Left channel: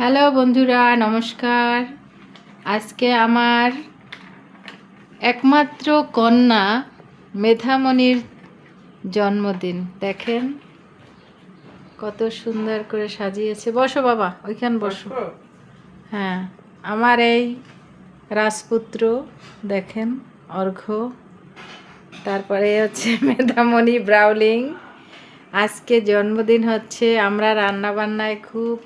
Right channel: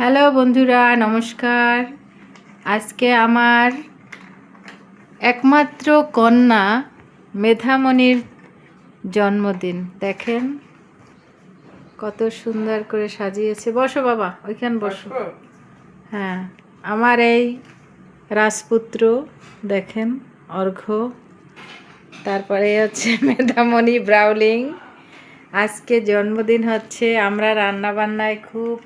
Hello বন্ধুরা, নমস্কার। আজকে আমার একমাত্র কন্যা মেধামণির জন্মদিন। দেখেন কত সুন্দর করে সাজিয়েছে। বসো বাবা, ওইখান বসো। হ্যাঁ, আমার এই রাজপুত্র দেখেন, অর্ঘ্য, তারপরে হচ্ছে মেধামণি ব্রাউলিং। আজকে জন্মদিন হচ্ছে, আমরা রান্নাবান্নায় খুব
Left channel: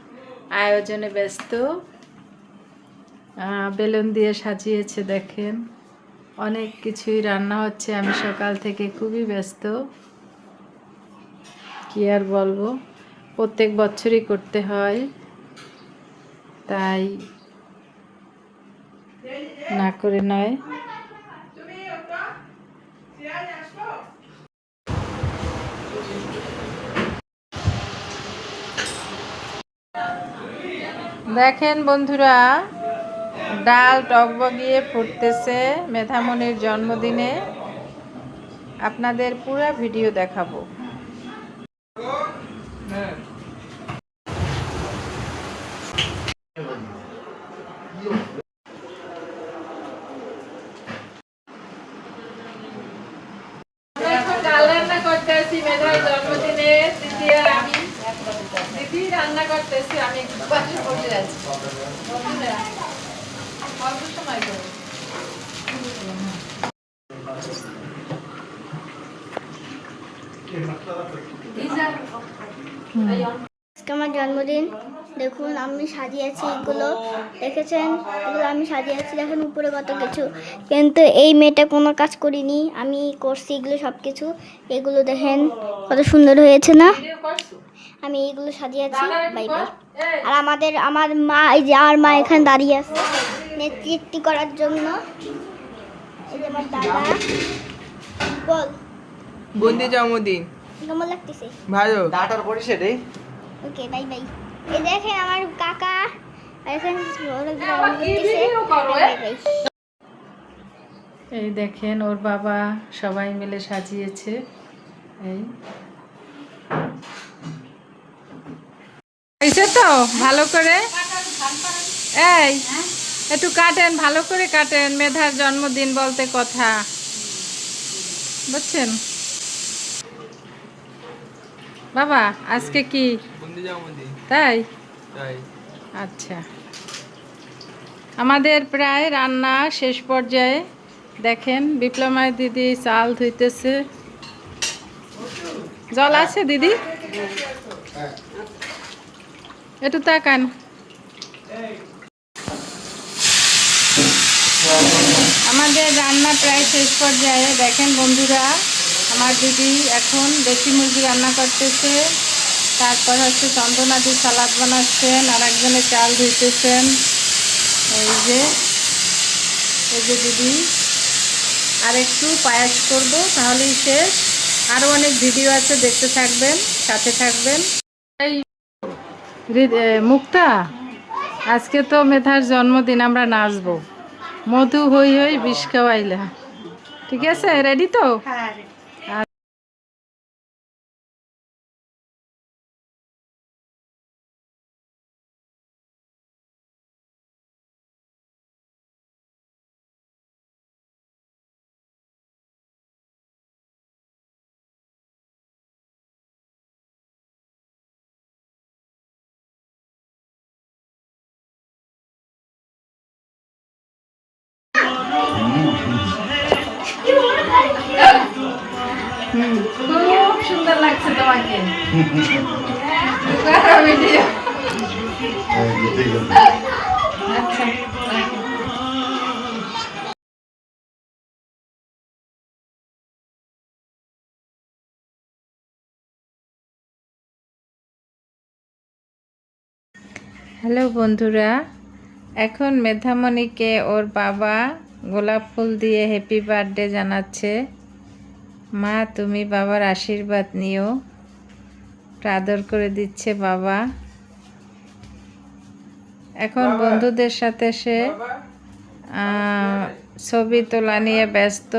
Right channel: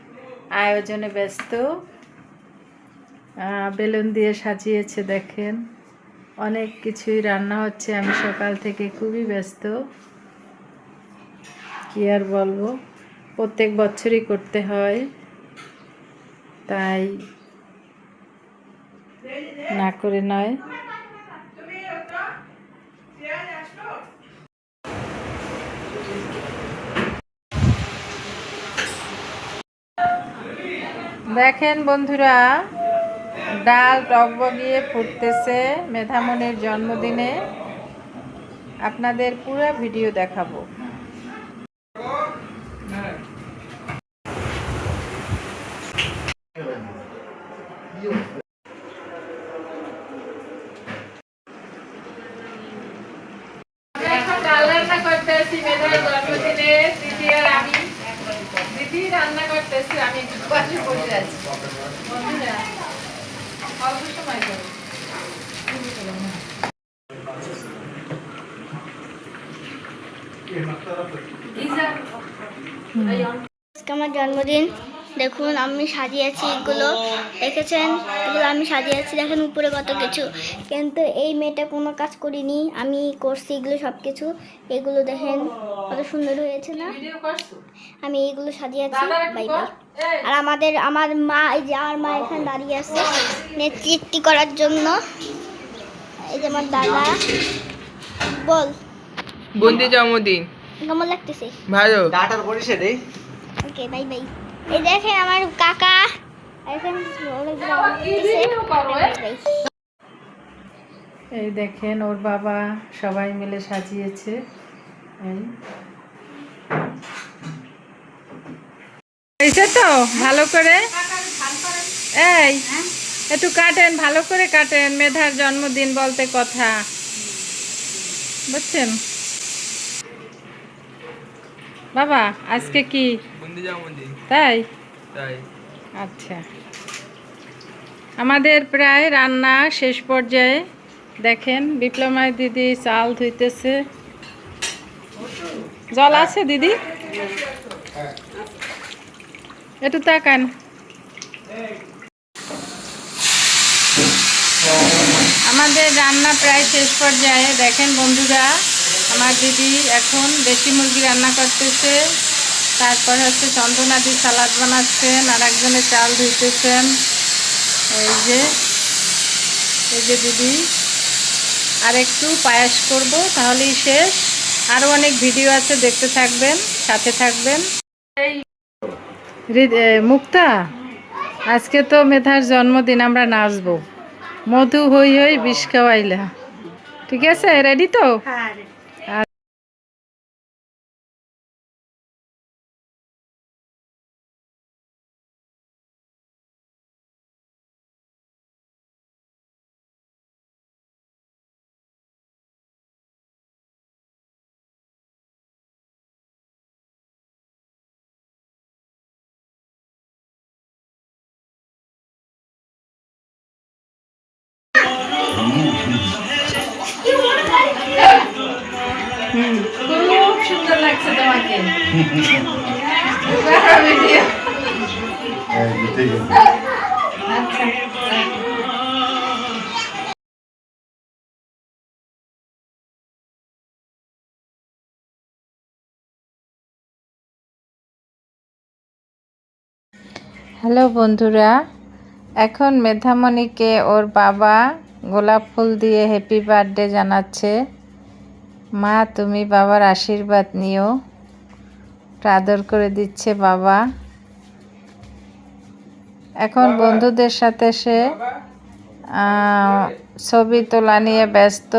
আয়োজনে ব্যস্ত। বেলুন দিয়ে সাজিয়েছে দেখেন, অনেক কিছুই রান্না হচ্ছে। আমি সকাল থেকে খুবই ব্যস্ত, কি আর বলবো, প্রত্যেক বছরই করতে হয়, তাই না করে নয়। দেখেন বন্ধুরা, ডাল টকবগিয়ে ফুটতেছে মেধামণির জন্মদিনে। আপনাদের পুরো ভিডিও দেখাবো। এখন ডাল রান্না করতেছি মেধার জন্মদিনে। দিদি আর আমি, দিদি রান্না করতেছি, আমি পাশে বসে আছি। বন্ধুরা অল্প সময় করো। আজকে আমার জন্মদিন। দেখুন আমি সাজিয়েছি, এগুলো দেখেছেন, এগুলো আমি সাজিয়েছি। দেখেন উপরে কত কিছু, কিন্তু এই মেয়েটা কোনো কাজ করিনি, আমি করছি এগুলো সব কিছু। এগুলো দেখেন কত সুন্দর হয়েছে না? আমি এইগুলো সাজিয়েছি। Bye bye. আর আমার মা, এই যে আমার মা এখানে দাঁড়িয়ে আছে নেতৃত্ব করার জন্য। এই যে আমার দাদা। বল বন্দি জন্মদিন কেমন লাগতেছে? ভালো। ডাটার পরিষে রে। ওকে, বাই বাই। এই দেখেন আমার কাকা এখন এই দেখেন ওর বাবা, সবাই মিলে সাজিয়েছে। এই এইটা তো ভালো করে, এই একটু কাটেন, ভালো করে কাটেন। মেধার জন্মদিন বলতে কথা, বুঝছেন বাবা? আজকে কি বন্দি জন্মদিন? তাই? তাই। আচ্ছা, আমাদের প্রায় রান্না শেষ পর্যায়ে। দেখেন বিপ্লমায় দিদি চাল ধুইতেছে। জল আছে দিদি? একটু তাকান। আমাদের রান্না প্রায় শেষ পর্যায়ে। দেখেন বন্ধুরা, আমার দিদি এখন দেশি মুরগি রান্না করতেছে, তারপর হচ্ছে চন্দনাদি সালাদ বানাচ্ছেন, আর একজনে চাল ধুইতেছেন। এই যে দিদি, আর একটু পায়েস করব, তাহলেই শেষ। আরও অনেক ভিডিও আছে, দেখতে থাকবেন, সাথে থাকবেন। এই মুক্তা, আজকে তো মেধার জন্মদিন, আমরা নাচবো। মধু হই হই বিষ খাওয়াইলা, ঠিক আছে? রেডি তো? খুব সুন্দর লাগছে তোমাকে। আচ্ছা, হ্যালো বন্ধুরা, এখন মেধামণিকে ওর বাবা গোলাপ ফুল দিয়ে হ্যাপি বার্থডে জানাচ্ছে। মা, তুমি বাবার আশীর্বাদ নিও, আদর করে দিচ্ছে বাবা। এখন বন্ধুদের সাথে সে ছবি তোলা নিয়ে ব্যস্ত।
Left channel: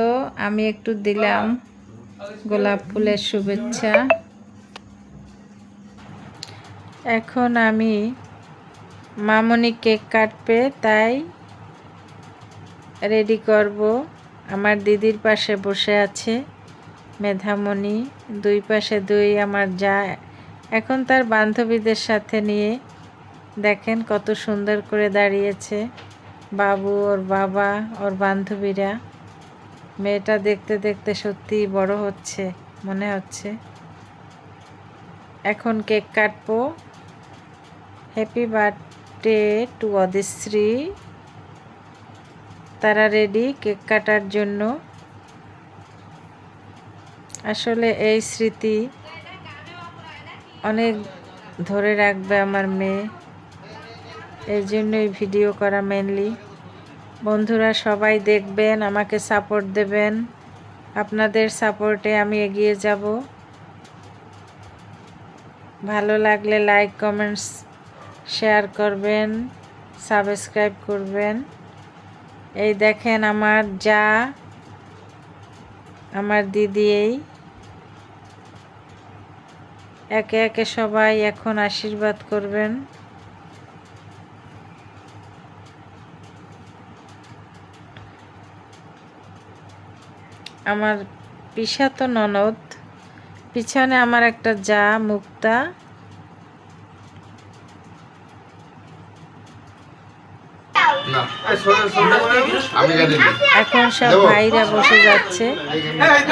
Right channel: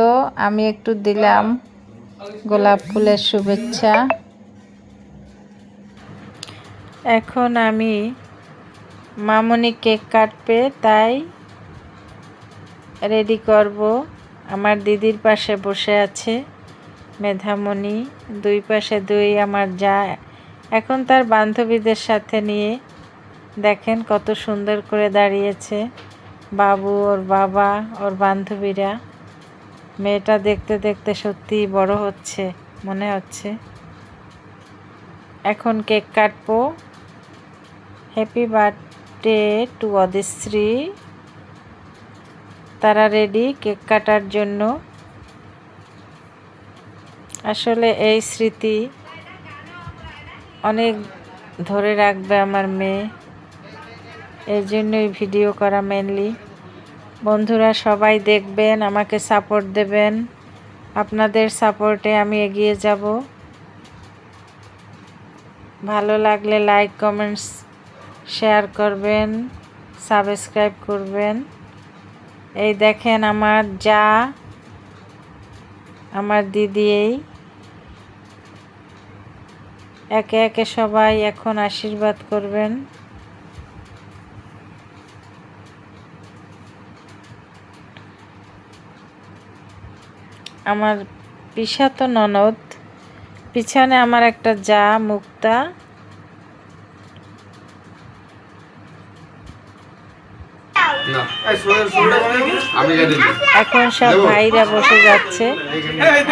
আমি একটু দিলাম গোলাপ ফুলের শুভেচ্ছা। এখন আমি মামনি কেক কাটবে, তাই রেডি করব। আমার দিদির পাশে বসে আছে মেধামণি, দুই পাশে দুই আমার যা, এখন তার বান্ধবীদের সাথে নিয়ে দেখেন কত সুন্দর করে দাঁড়িয়েছে। বাবু, ওর বাবা, ওর বান্ধবীরা। মেয়েটা দেখতে দেখতে সত্যিই বড় হচ্ছে মনে হচ্ছে। এখন কেক কাটবো। Happy birthday to Adishree. তারা রেডি কেক কাটার জন্য। আসলে এই স্মৃতি অনেক ধরে রাখবে আমার মেয়ে, এর জন্যই ভিডিও করা মেনলি। বন্ধুরা সবাই দেখবেন, আমাকে সাপোর্ট দেবেন, আপনাদের সাপোর্টে আমি এগিয়ে যাব। ভালো লাগলে লাইক, কমেন্টস, শেয়ার করবেন, সাবস্ক্রাইব করবেন। এই দেখেন আমার যা, আমার দিদি, এই একে একে সবাই এখন আশীর্বাদ করবেন। আমার পিসাতো ননদ, পিছনে আমার একটা যা মুক্তা, এখন সব ভাইরা বসে যাচ্ছে।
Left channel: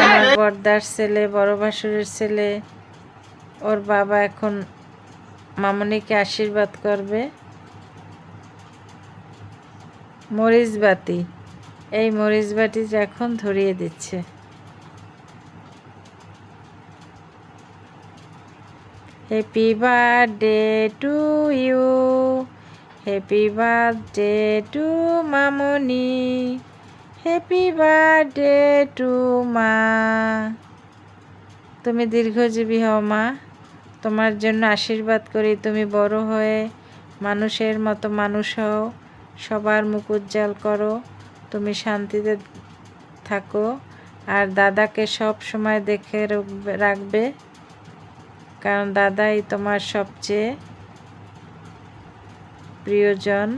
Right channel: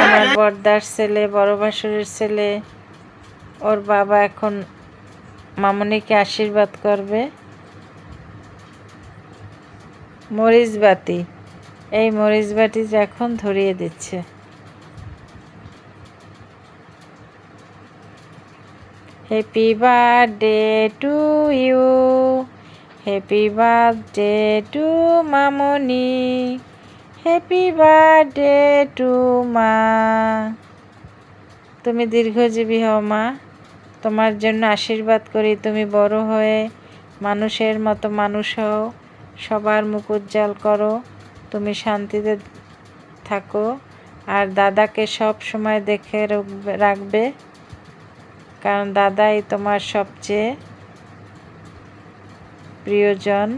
আমার বড়দার ছেলে, বড় ভাসুরের ছেলে, ওর বাবা এখন মামনিকে আশীর্বাদ করবে। মরিচবাতি, এই মরিচবাতি এখন ধরিয়ে দিচ্ছে। Happy birthday to you, happy birthday to মামনি, হ্যাপি বার্থডে টু মা। তুমি দীর্ঘজীবী হও মা, তোমার জন্য আশীর্বাদ করি। তুমি বড় হয়ে মানুষের মতো মানুষ হও, সবার মুখ উজ্জ্বল করো, তুমি শান্তিতে থাকো। আর দাদাকে সব সময় দেখে রাখবে, কারণ দাদাই তোমার সবচেয়ে প্রিয়জন।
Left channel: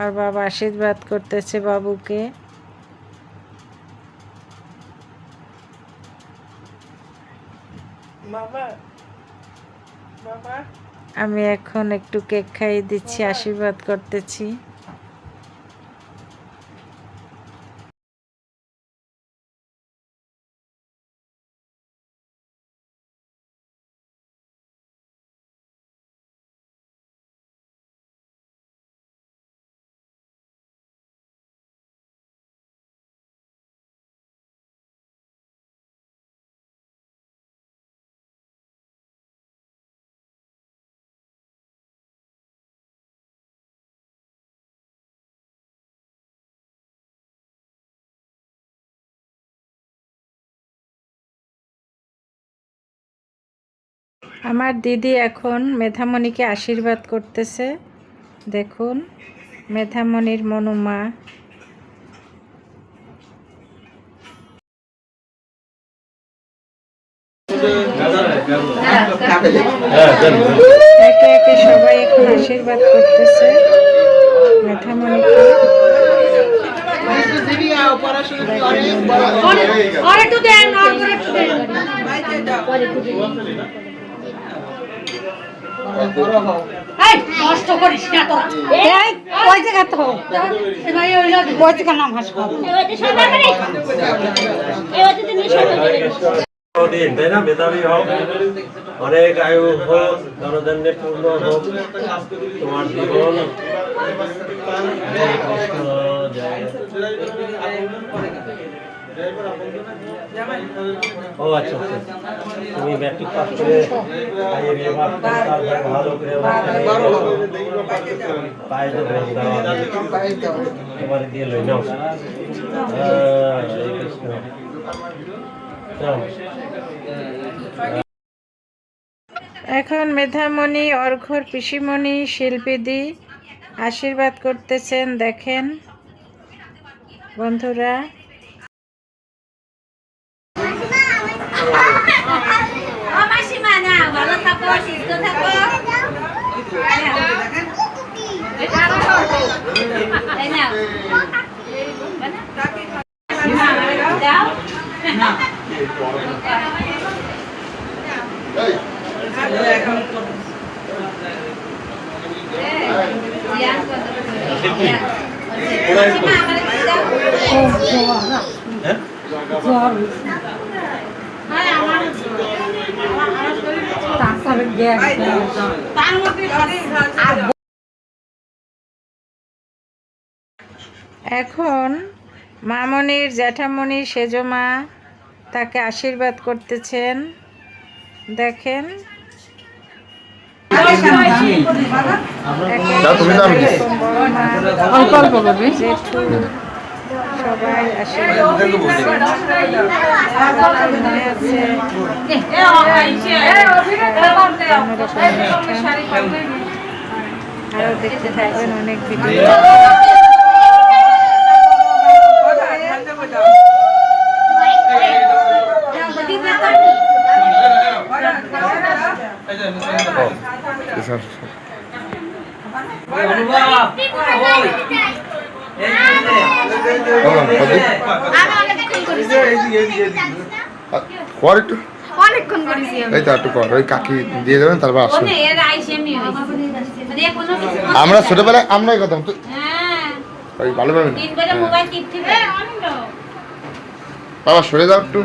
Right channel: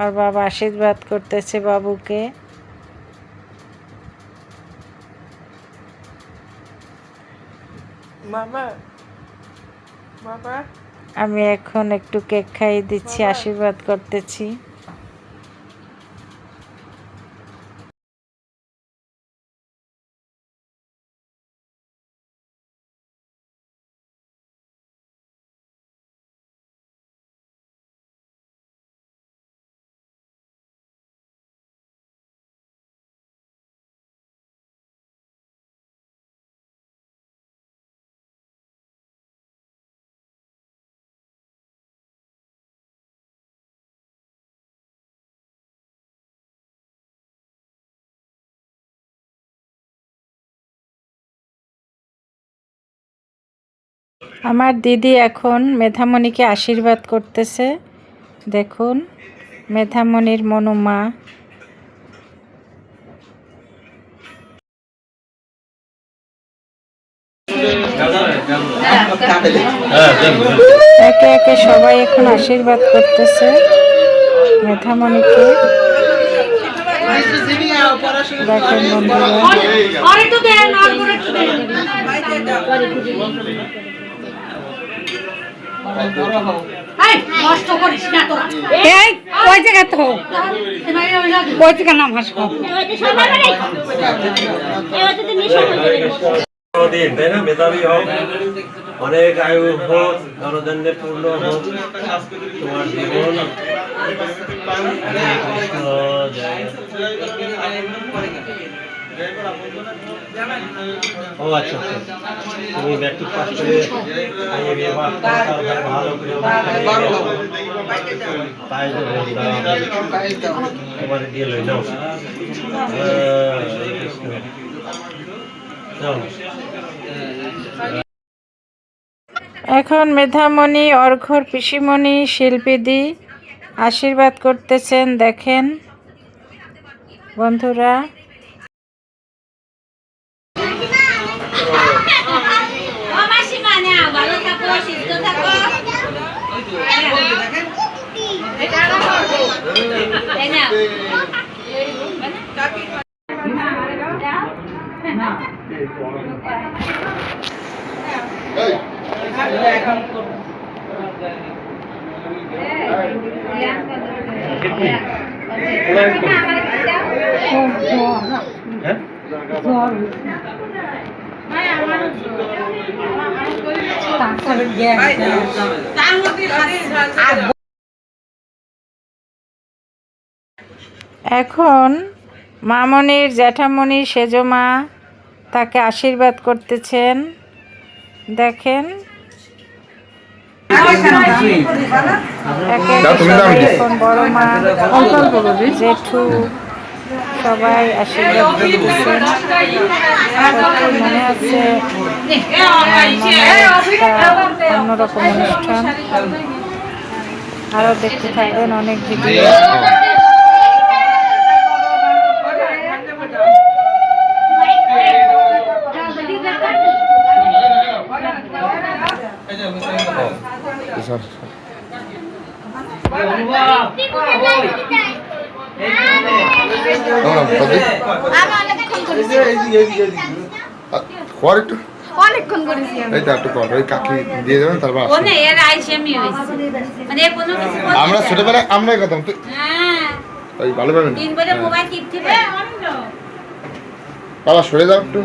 আর বাবা আশীর্বাদ করতেছে বাবুকে। আমি এখন একটু কেক খাইয়ে দিচ্ছি, আশীর্বাদ করতেছি। আমার দিদি এখন মেধামণিকে আশীর্বাদ করতেছে। দেখুন মেধামণির মনুমা। একে একে সবাই এখন আশীর্বাদ করতেছে মেধামণিকে। মেধাবী হোক, অনেক আয়ু হোক, জনজন্যে পূর্ণ হোক তোমার জীবন। ও আচ্ছা আচ্ছা, তুমি ম্যাট্রিক পাস করে ভালো করে তোমার দিয়ে লই নাও। এখন মেধামণি, অর্ঘ্যর পিসিমণি, শিল্পীদি আশীর্বাদ করতেছেন। দেখেন বন্ধুরা, এখন মামনির জ্যাঠামণি সেজমা তাকে আশীর্বাদ করতেছেন। দেখেন এখন বড় মা জেঠু সবাই আশীর্বাদ করতেছেন। তারপর মনে আছে অন্যরকম অনুষ্ঠান। আরও দেখতে থাকবেন অনেক ভিডিও। অনেকক্ষণ করেছি এই তো একটু কর, ওই কাকি দিয়ে দেবেন তারপর আসুন। আমরা ছোটবেলায় আমরাই করতাম তো, ওই ভালো পাবেন। বাবা সরে যাও একটু।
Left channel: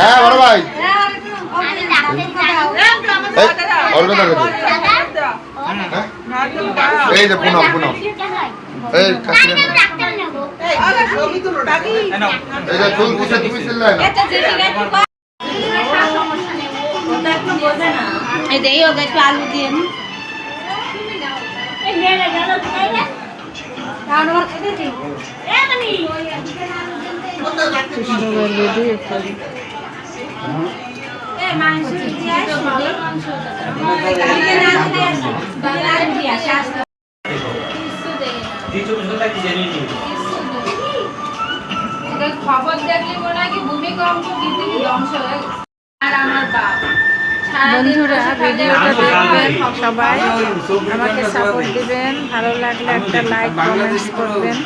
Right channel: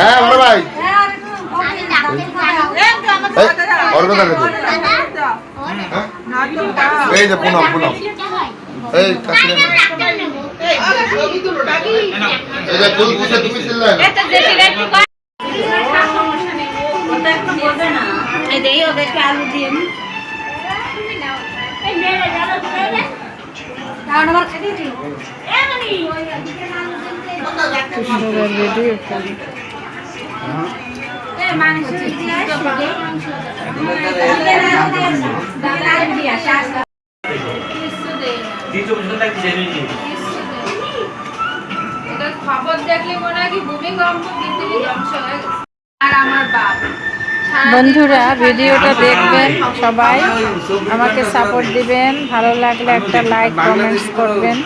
হ্যাঁ বড় ভাই, ওর কথা বলছি। এই যে পুনম পুনম, এই কাকি এই যে তুল পুষে তুইছিল না। সবার ভিডিও করি। খবর দেখলে মনে হয় কি ভূমিকম্প পৃথিবী ধ্বংস হয়ে গেছে। আর আমার বাপ বন্ধুরা ভিডিওটা দেখবেন, সবাই আমাকে সাপোর্ট দিবেন, ভালো লাগলে একটা লাইক কমেন্টস করবেন।